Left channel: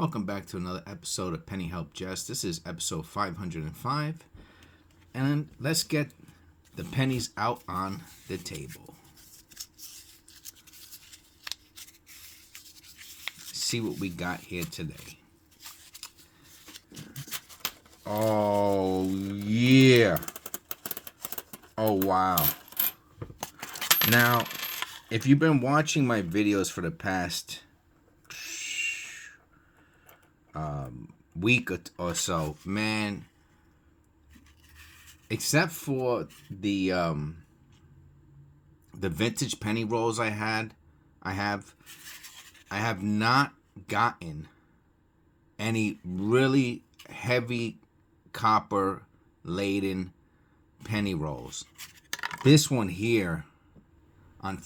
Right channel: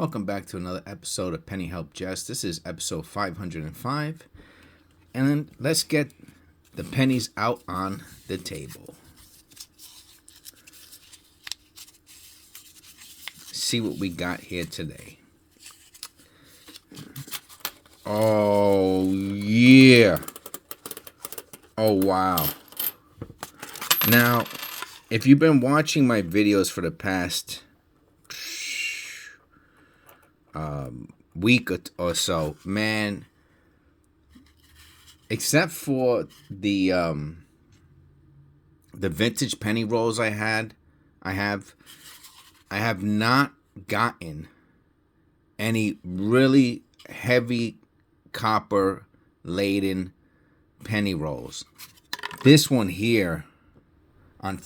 Welcome back to another episode of Penny Help Jess. This is episode 505. And let's get the pennies out on the table. See what we got here today. Oh, yeah. Oh, wow. Now, if you've been watching my videos for the past week or so, man, except for the vintage penny rolls I have not gotten any really heavy copper laden penny rolls. This one here on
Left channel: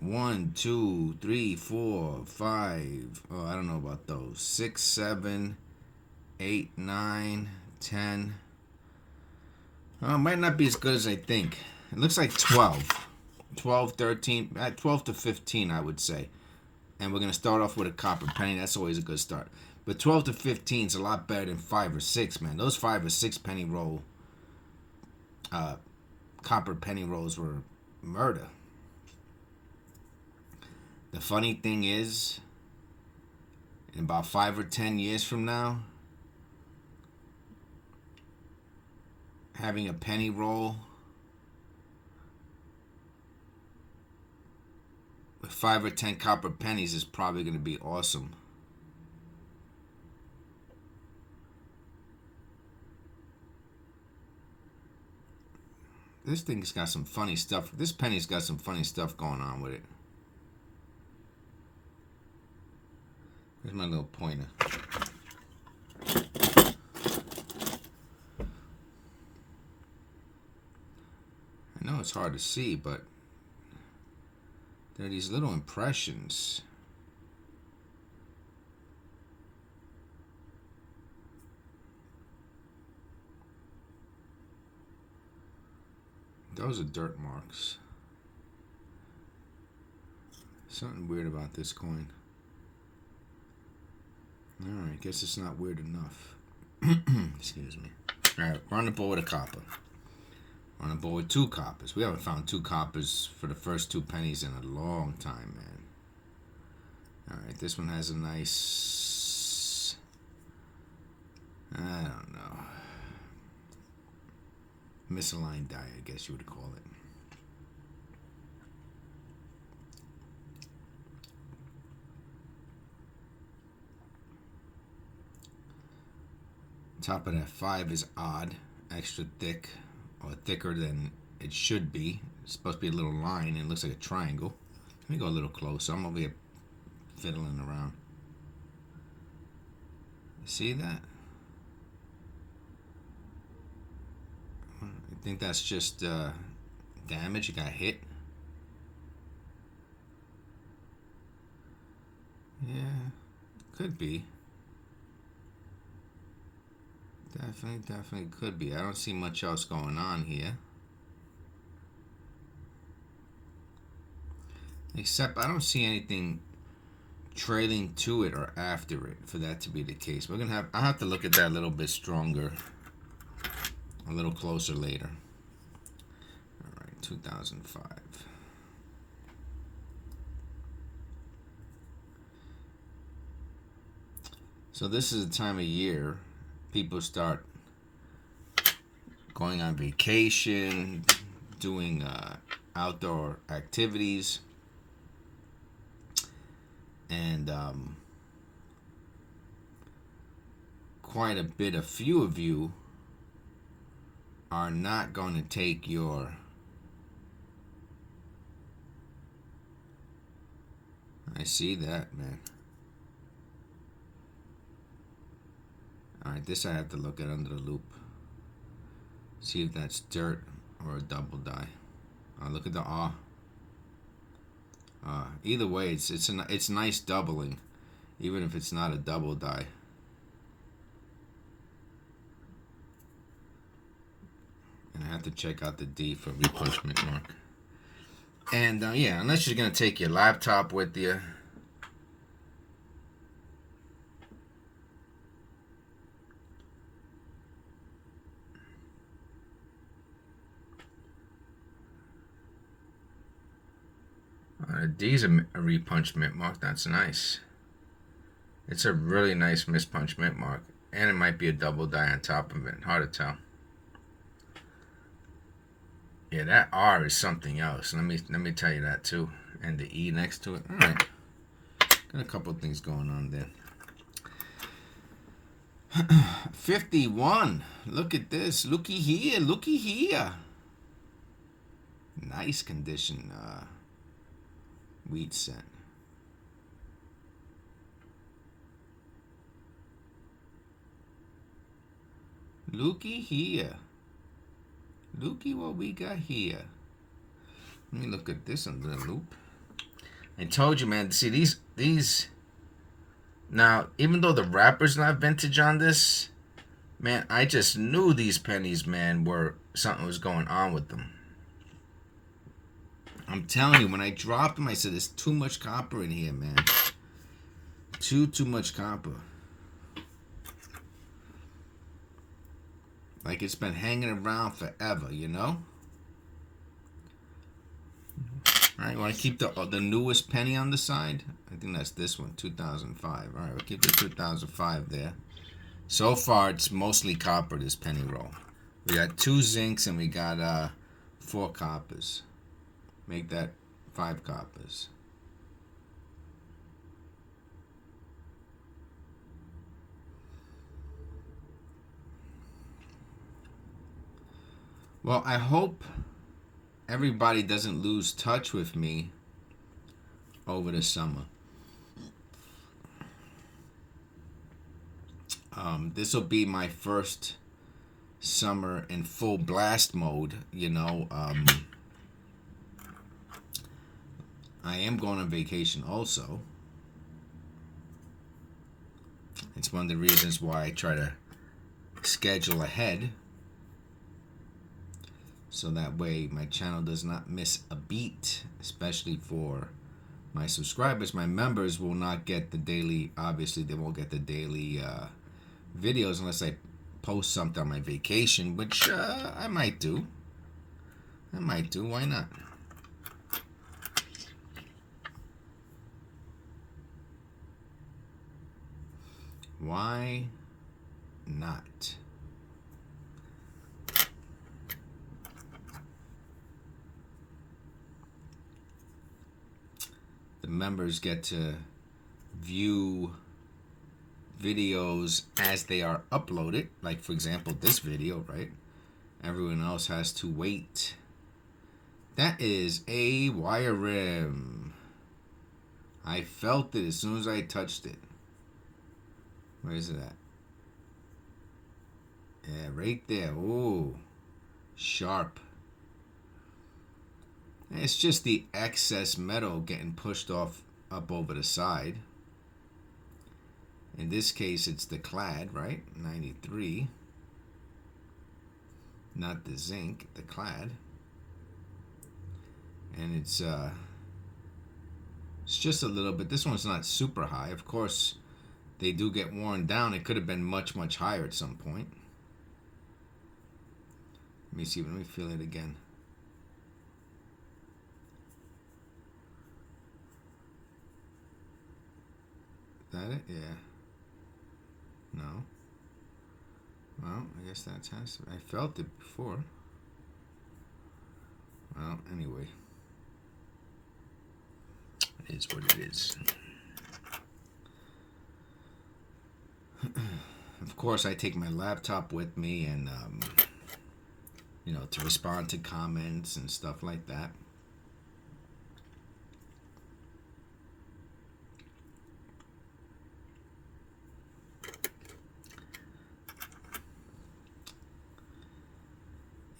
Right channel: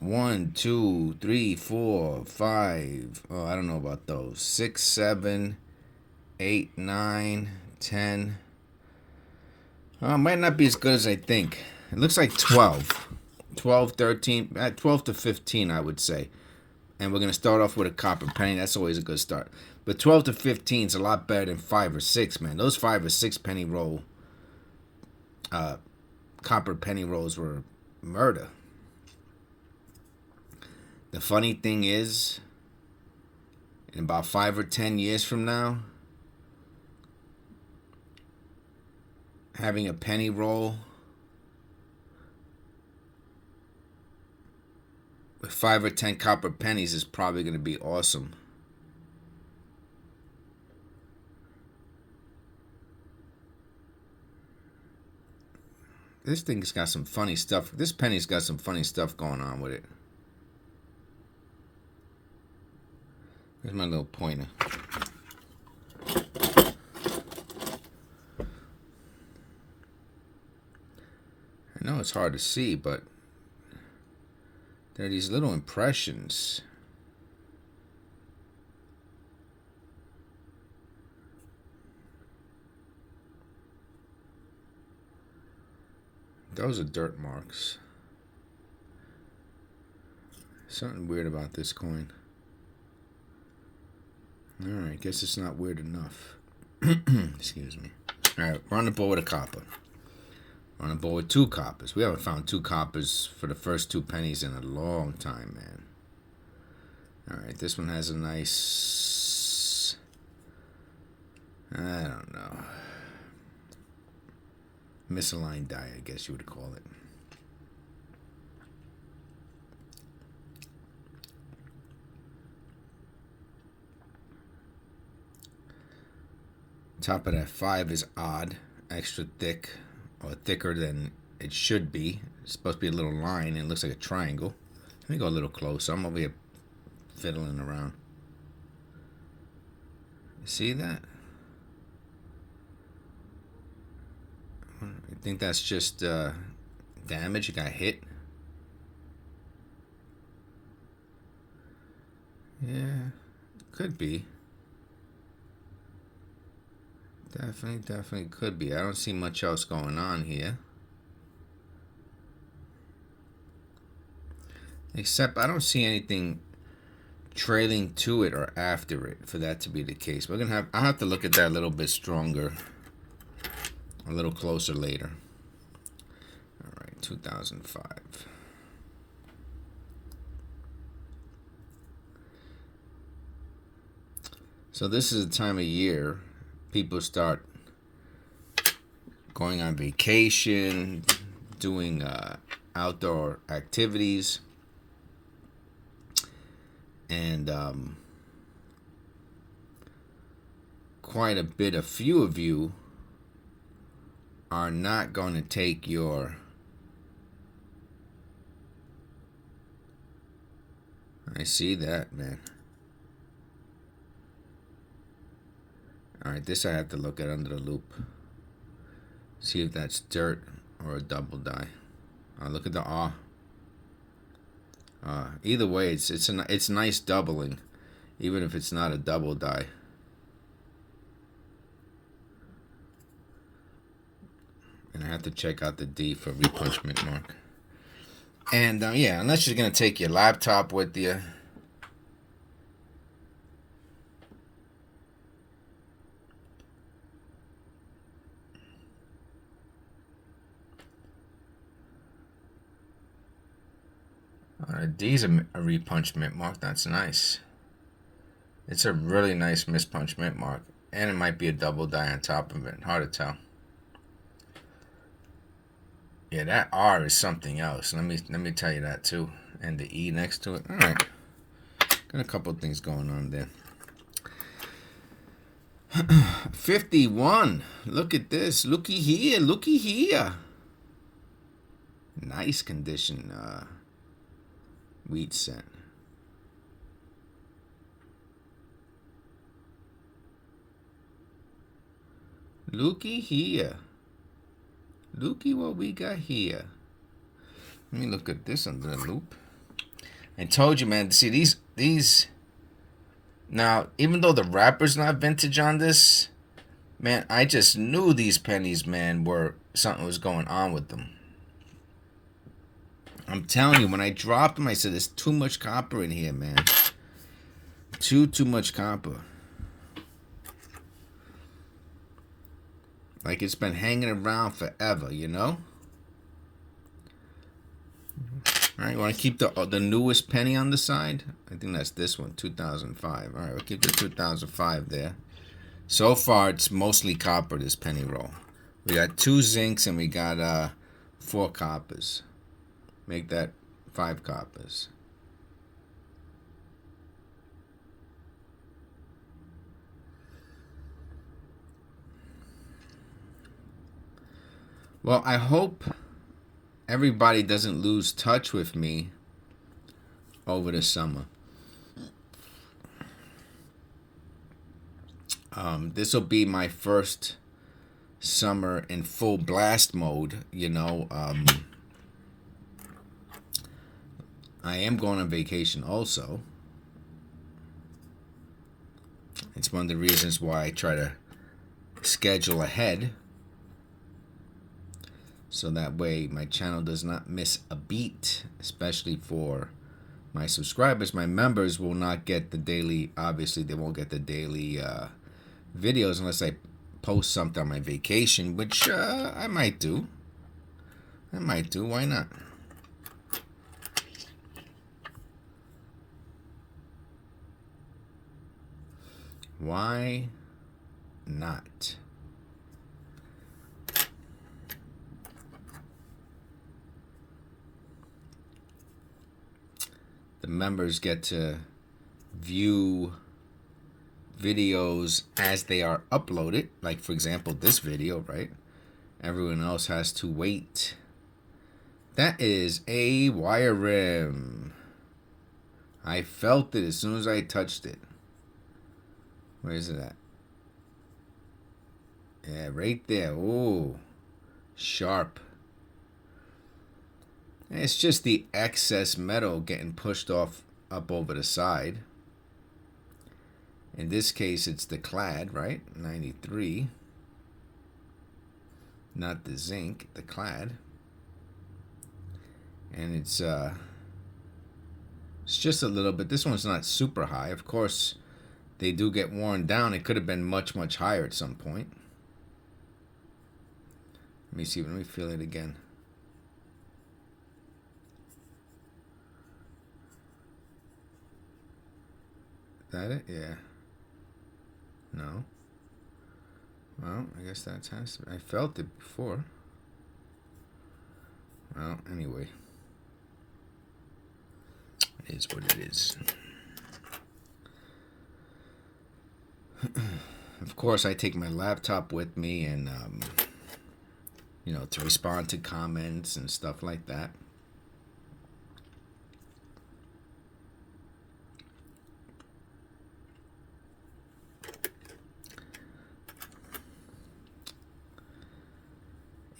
1, 2, 3, 4, 5. Oh, I don't know about those. 6, 7, 8, 9, 10. Oh, it might not be as good as I think. It looks like 12. 12, 13, 12 to 15, I would say. And we're going to start off with a copper penny. That's always a good start. But 12 to 15 is a lot better than 5 or 6, man. Those 5 or 6 penny roll, copper penny rolls were murder. The funny thing is, in about 5 or 10 years from now, having a penny roll with 5 or 10 copper pennies is probably going to be awesome. This thing's got some funny stuff. This penny's got some funny stuff going on with it. Here's my little pointer. I know it's hard to see, but there are these little impressions. Those are dirt marks. Something weird about this coin. Alright, guess it's not weird enough. Excuse me. Alright, we're on the board with a copper. We're on the board with 2 coppers. We haven't found 2 coppers for the first 2 pennies in a long time, man. Alright, this one has a nice... I don't know. Misaligned die, I guess you would call it. Top of that 5 is odd, extra thick, or thicker than it should be. It's supposed to be a little line, and it looks like a triangle. Let me go a little closer. I'm over here fiddling around. See that? I think that's just damage. It got hit. Yeah, could be. Definitely could be. I don't see much else going on here. Except I don't see anything trailing to it or after it for that to be the case. I'll have to look at that a little bit stronger, a little closer later. All right, 2005. So this is the time of year people start going on vacation, doing outdoor activities, and quite a few of you are not going to take your I see that, man. Alright, this I have to look at under the loop. See if that's dirt or a double die. Look at the awe. Either way, it's nice doubling, even if it's not a double die. And I have to check out the D for repunchment mark. And yeah, unless you're going to take your laptop with you, D's a repunch mint mark. That's nice. It's a really nice mispunch mint mark. And it might be a double die on top of it. Hard to tell. Yeah, that R is something else. Let me tell you that too. And the E next to it. All right. Got a couple of things going on there. 51. Look at this. Looky here. Looky here. Nice condition wheat cent. Looky here. Looky what we got here. Let me look at this under the loop. I told you, man. See these. Now, even though the wrapper's not vintage on this, man, I just knew these pennies, man, were something was going on with them. I'm telling you, when I dropped them, I said there's too much copper in here, man. Too much copper. Like it's been hanging around forever, you know? All right, want to keep the newest penny on the side? I think that's this one, 2005. All right, we'll keep the 2005 there. So far, it's mostly copper, this penny roll. We got 2 zincs and we got 4 coppers. Make that 5 coppers. Well, I hope everybody doesn't lose touch with me over the summer. This will be my first summer in full blast mode, you know. I am going on vacation also. It's one of the reasons why I try to schedule ahead, so that way my channel does not miss a beat, especially for my subscribers. My members will not get the daily, obviously they won't get the daily videos unless I post something on my vacation, which I might do. Why not? Why not? The members get to view videos as they are uploaded. Like, for example, this video, right? Everyone else has to wait. That is a wire rim. I felt it as soon as I touched it. Where is it at? Yeah, right there. Oh, sharp. It's just the excess metal getting pushed off up over the side. In this case, it's the clad, right? 93. Not the zinc, the clad. And it's just a little bit. This one's not super high. Of course, they do get worn down. It could have been much higher at some point. Let me see. Let me feel it again. That it? Yeah. No. Well, I guess that has to be. I felt it before. Well, anyway. It is what it is. Of course, I take my laptop with me and, you know, to respond to comments and stuff like that.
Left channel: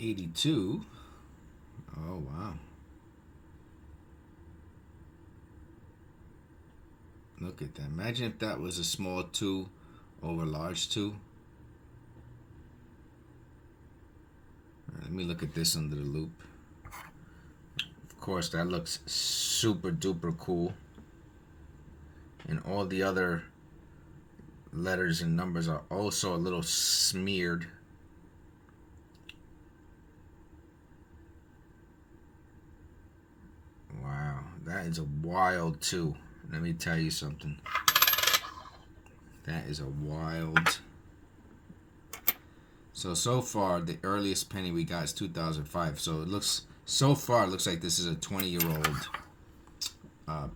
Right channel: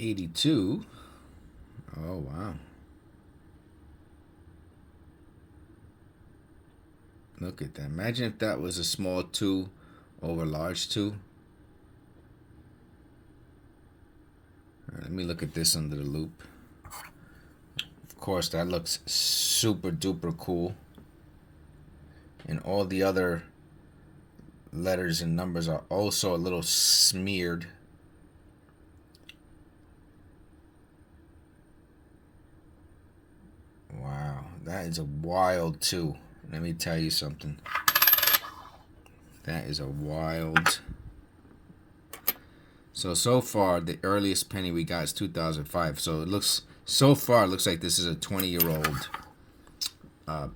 $82. Oh, wow. Look at that. Imagine if that was a small 2 over large 2. Right, let me look at this under the loop. Of course, that looks super duper cool. And all the other letters and numbers are also a little smeared. Wow, That is a wild 2. Let me tell you something. That is a wild. So far, the earliest penny we got is 2005. So it looks, so far, it looks like this is a 20-year-old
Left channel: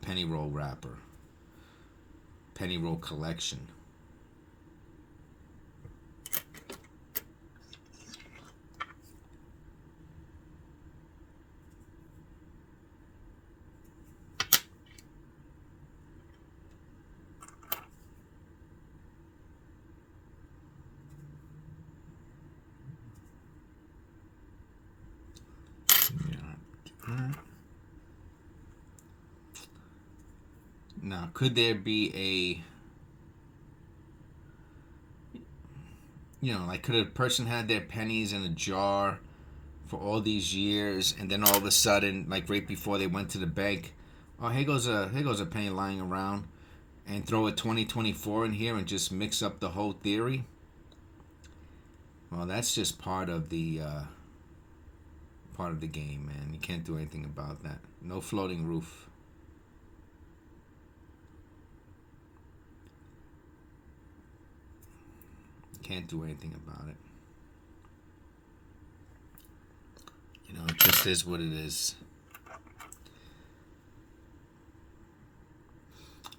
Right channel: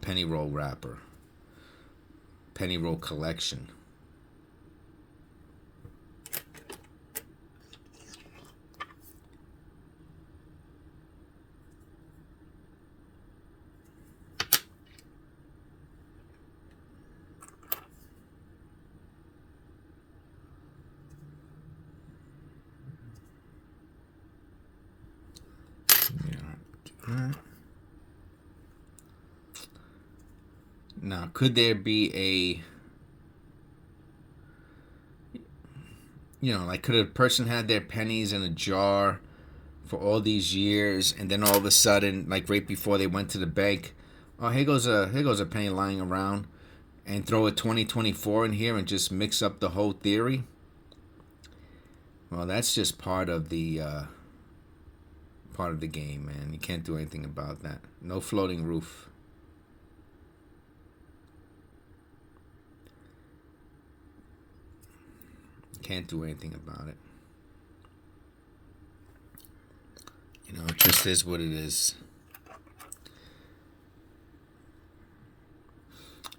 penny roll wrapper. Penny roll collection. Now, could there be like, could a person had their pennies in a jar for all these years, and then all of a sudden, like right before they went to the bank, oh, here goes a penny lying around, and throw a 2024 in here and just mix up the whole theory? Well, that's just part of the game, man. You can't do anything about that. No floating roof. Can't do anything about it. It just is what it is.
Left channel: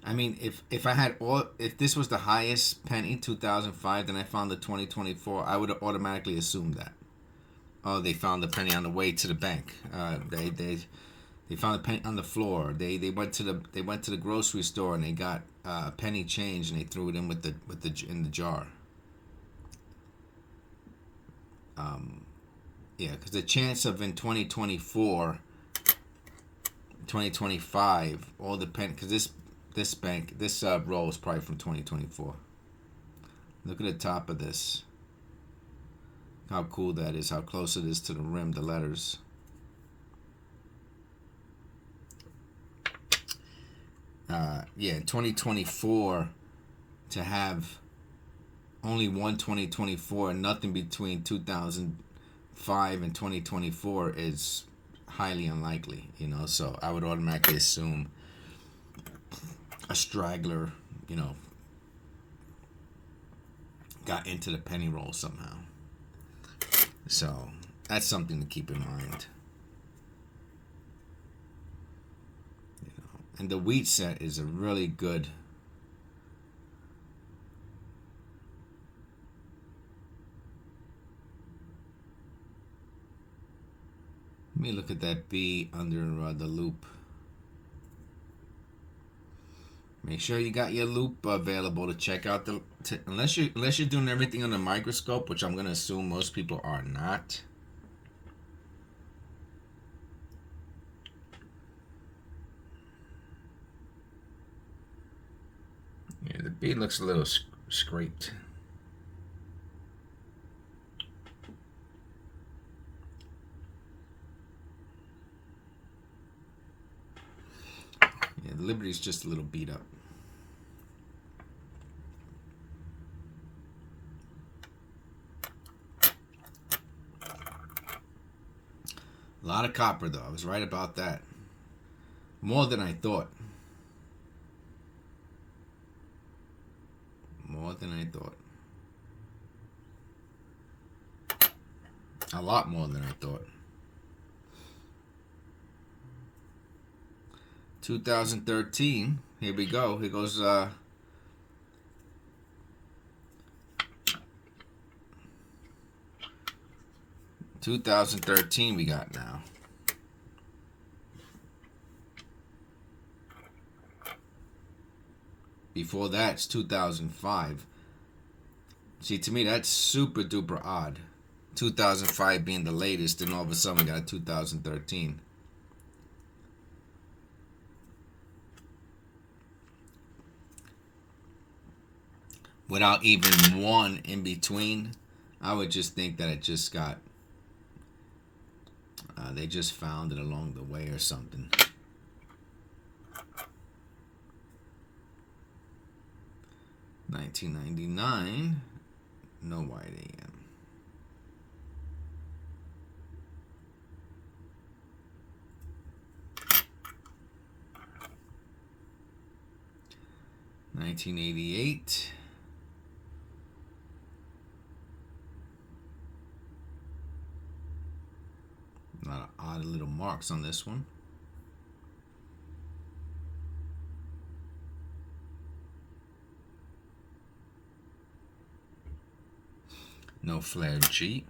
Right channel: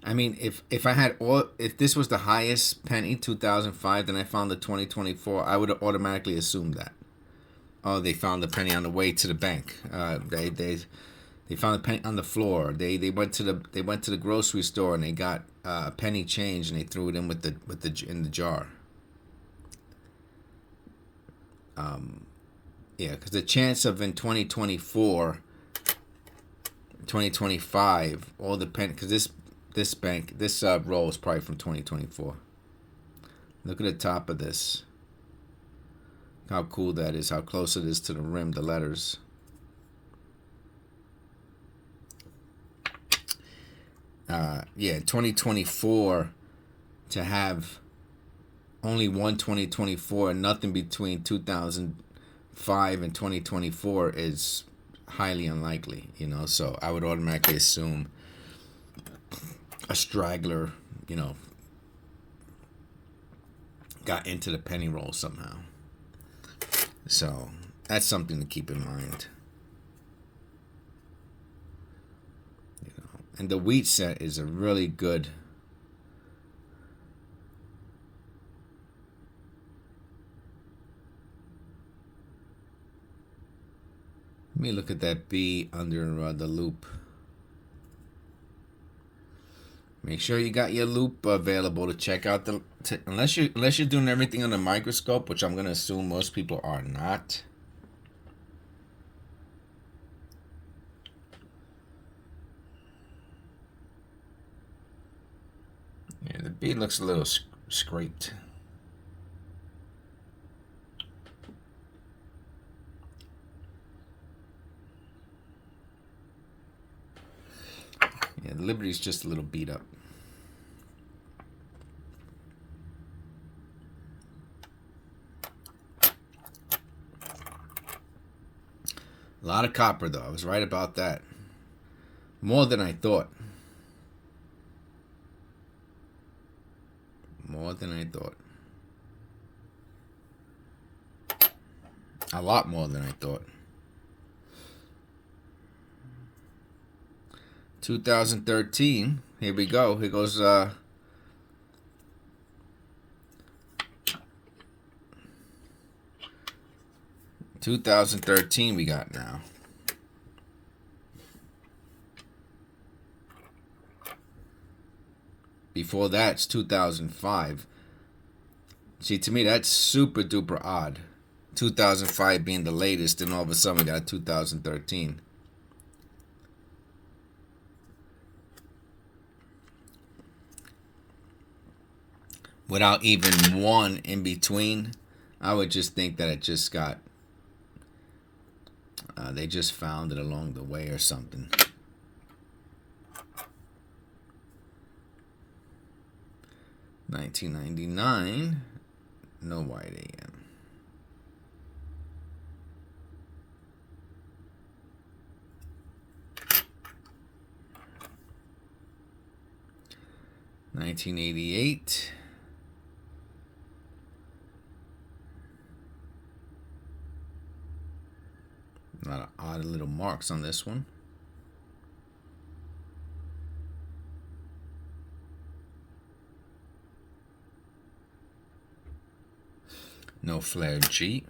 I mean, if this was the highest penny, 2005, then I found the 2024, I would have automatically assumed that. Oh, they found the penny on the way to the bank. They found the penny on the floor. They went to the grocery store and they got a penny change and they threw it in in the jar. Yeah, because the chance of in 2024, 2025, all the pen, because this roll is probably from 2024. Look at the top of this. How cool that is. How close it is to the rim, the letters. Yeah, 2024, to have only one 2024, nothing between 2005 and 2024 is highly unlikely, so I would automatically assume a straggler, got into the penny roll somehow. So that's something to keep in mind. And the wheat set is a really good. Let me look at that B under the loop. Make sure you got your loop available to check out unless you're doing everything on the microscope, which I'm gonna assume most people are not. Yeah, the B looks a little scraped. Yeah, the Liberty's just a little beat up. A lot of copper, though. I was right about that. More than I thought. More than I thought. A lot more than I thought. 2013. Here we go. Here goes 2013 we got now. Before that, it's 2005. See, to me, that's super duper odd. 2005 being the latest, and all of a sudden we got 2013. Without even one in between, I would just think that it just got, they just found it along the way or something. $19.99, no white AM. 1988. A lot of odd little marks on this one. No flare G.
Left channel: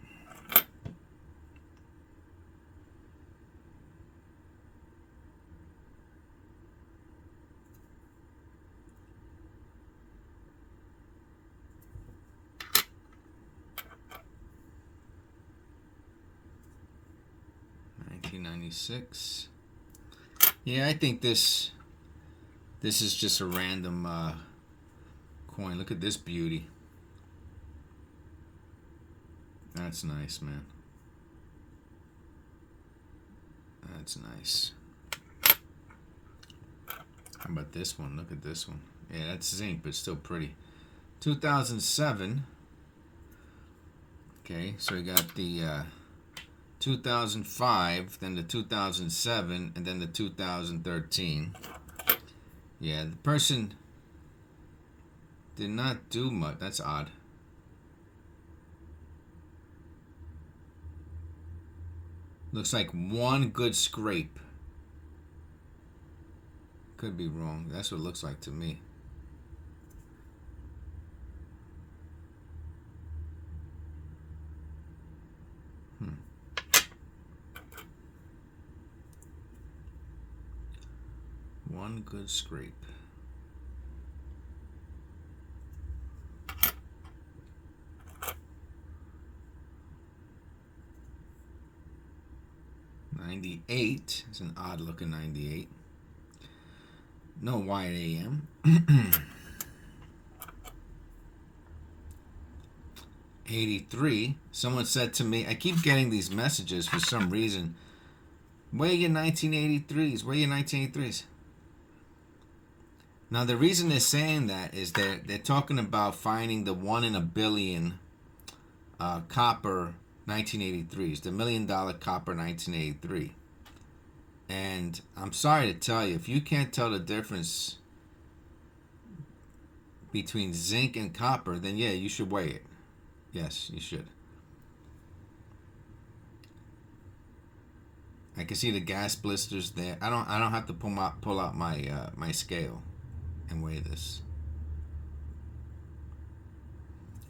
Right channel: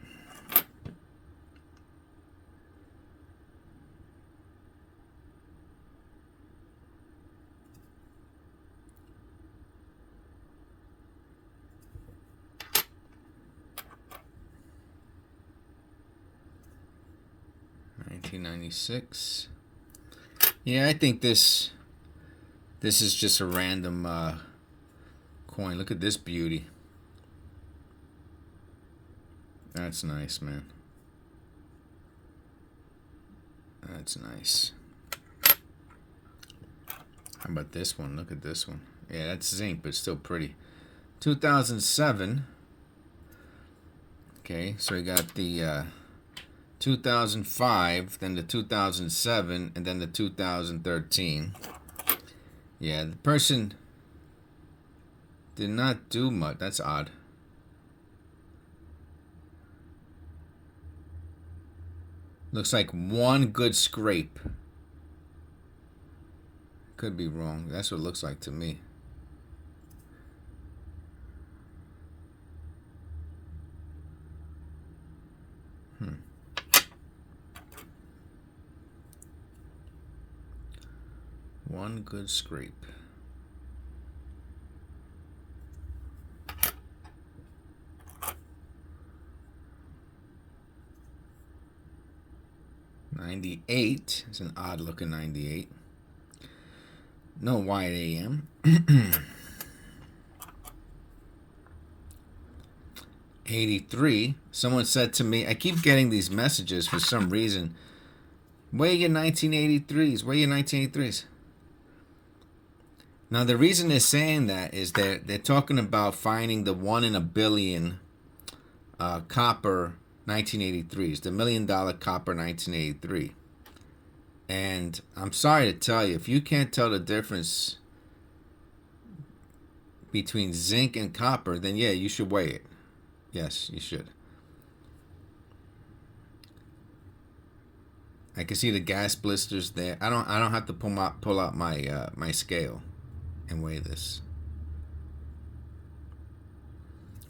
$1996. Yeah, I think this is just a random coin. Look at this beauty. That's nice, man. That's nice. How about this one? Look at this one. Yeah, that's zinc, but still pretty. 2007. Okay, so we got the 2005, then the 2007, and then the 2013. Yeah, the person did not do much. That's odd. Looks like one good scrape. Could be wrong. That's what it looks like to me. One good scrape. '98. It's an odd looking 98. No wide AM. 83. Someone said to me, I keep getting these messages for some reason. Where are your 1983s? Where are your 1983s? Now the reason they're saying that is they're talking about finding the 1 in a billion copper 1983s, the $1 million copper 1983. And I'm sorry to tell you, if you can't tell the difference between zinc and copper, then yeah, you should weigh it. Yes, you should. I can see the gas blisters there. I don't have to pull out my my scale and weigh this.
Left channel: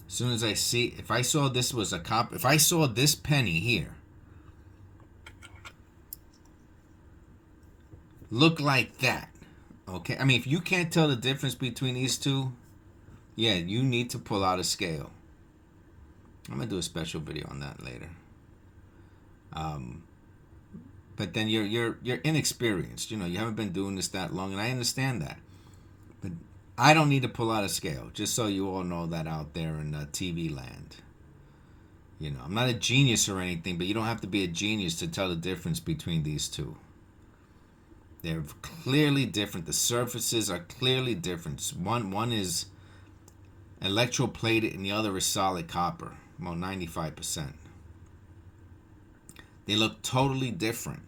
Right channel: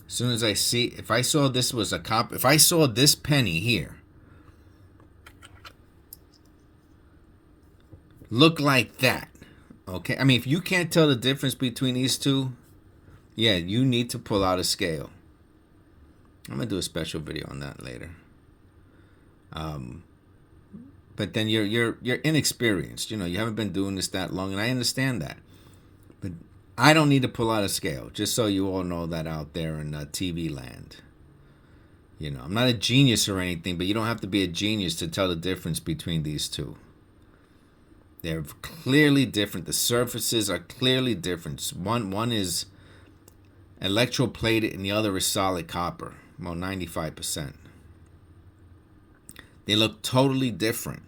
As soon as I see, if I saw this was a copper, if I saw this penny here look like that, okay? I mean, if you can't tell the difference between these two, yeah, you need to pull out a scale. I'm gonna do a special video on that later. But then you're inexperienced. You know, you haven't been doing this that long, and I understand that. But I don't need to pull out a scale, just so you all know that out there in TV land. You know, I'm not a genius or anything, but you don't have to be a genius to tell the difference between these two. They're clearly different. The surfaces are clearly different. One is electroplated and the other is solid copper, about 95%. They look totally different.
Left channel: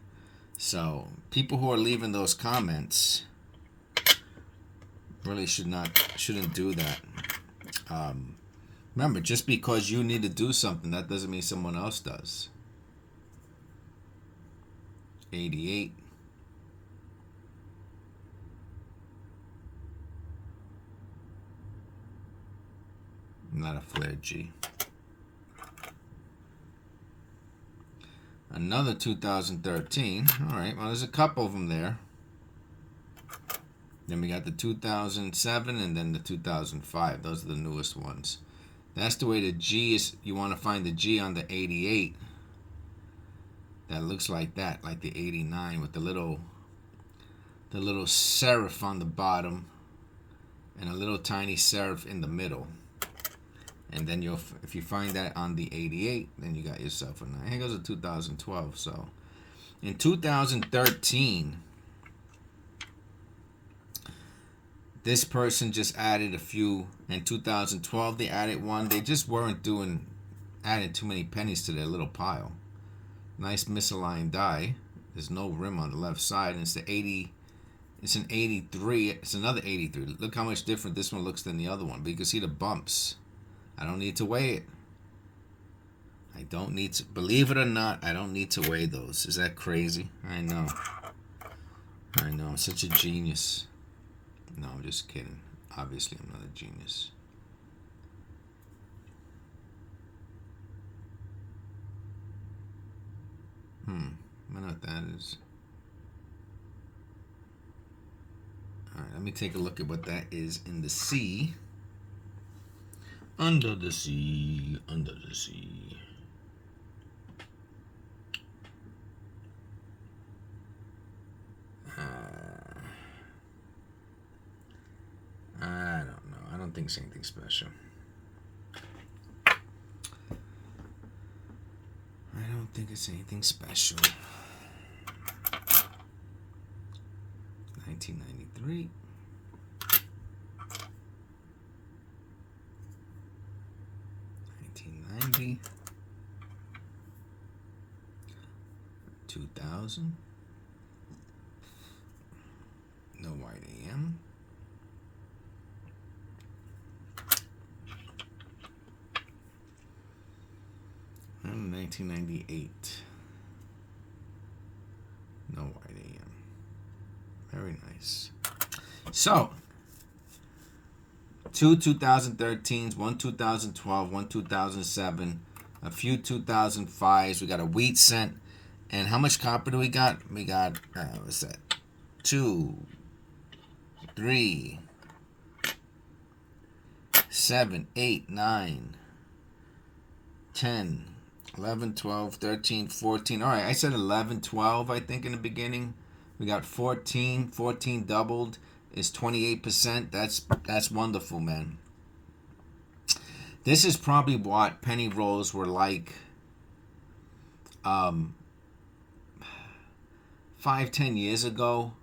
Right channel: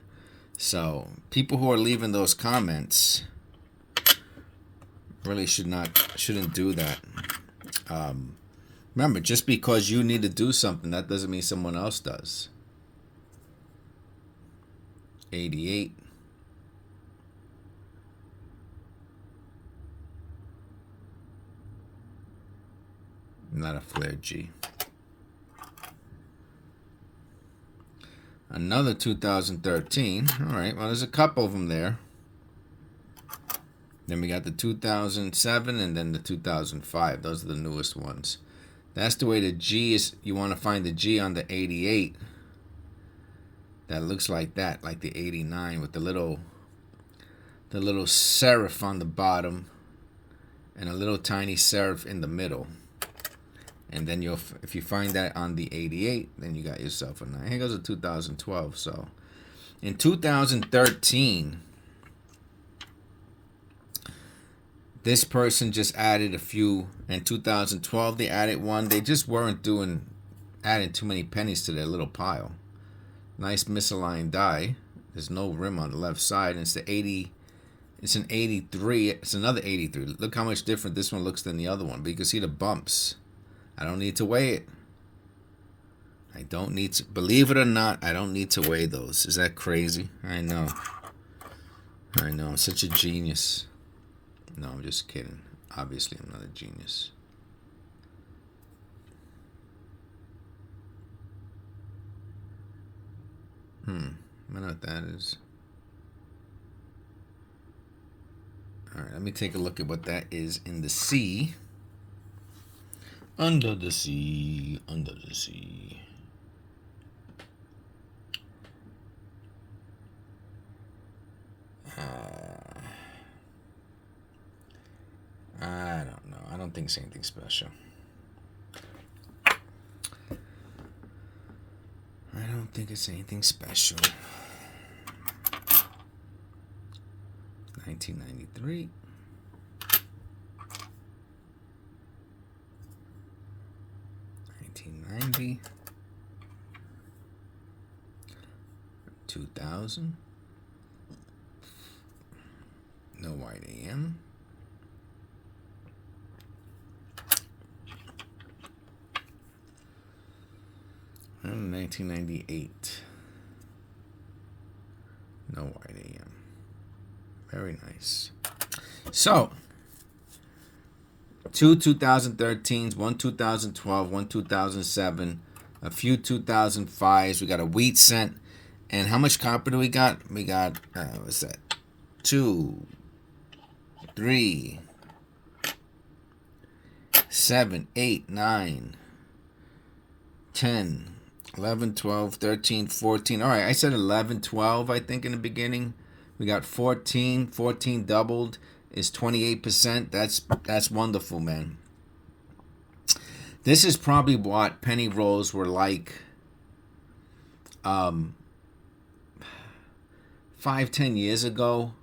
So people who are leaving those comments really shouldn't do that. Remember, just because you need to do something, that doesn't mean someone else does. 88. Not a flare G. Another 2013. All right, well, there's a couple of them there. Then we got the 2007 and then the 2005. Those are the newest ones. That's the way the G is. You want to find the G on the 88. That looks like that, like the 89 with the little serif on the bottom and a little tiny serif in the middle. And then if you find that on the 88, then you got yourself a 9. Here goes a 2012. So in 2013, this person just added a few. In 2012, they added one. They just weren't adding too many pennies to their little pile. Nice misaligned die. There's no rim on the left side. And it's the It's an 83. It's another 83. Look how much different this one looks than the other one. But you can see the bumps. I don't need to weigh it. I don't need to. Believe it or not, I don't need to weigh those. Is that crazy? I know. I know. I'm such a genius. No, I'm just kidding. Obviously, I'm not a genius. I don't know what that is. Alright, let me take a look at what that is in the sea. Under the sea, under the sea. I don't know. I don't think it's anything special. I don't think it's anything special. 1993. 1990. 2000. No white AM. 1998. No white AM. Very nice. So, 2013s, 2012, 2007, a few 2005s. We got a wheat cent. And how much copper do we got? We got, what's that? 2, 3, 7, 8, 9, 10, 11, 12, 13, 14. All right, I said 11, 12, I think, in the beginning. We got 14. 14 doubled is 28%. That's wonderful, man. This is probably what penny rolls were like 5-10 years ago.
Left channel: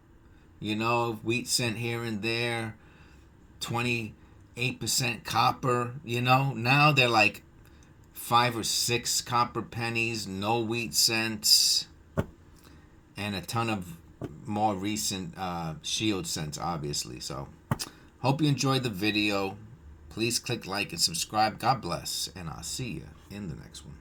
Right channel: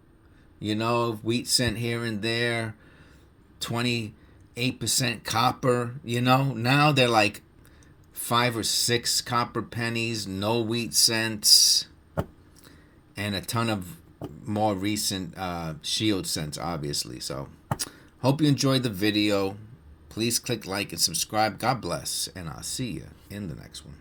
You know, wheat cent here and there, 28% copper. You know, now they're like 5 or 6 copper pennies, no wheat cents, and a ton of more recent shield cents, obviously. So, hope you enjoyed the video. Please click like and subscribe. God bless, and I'll see you in the next one.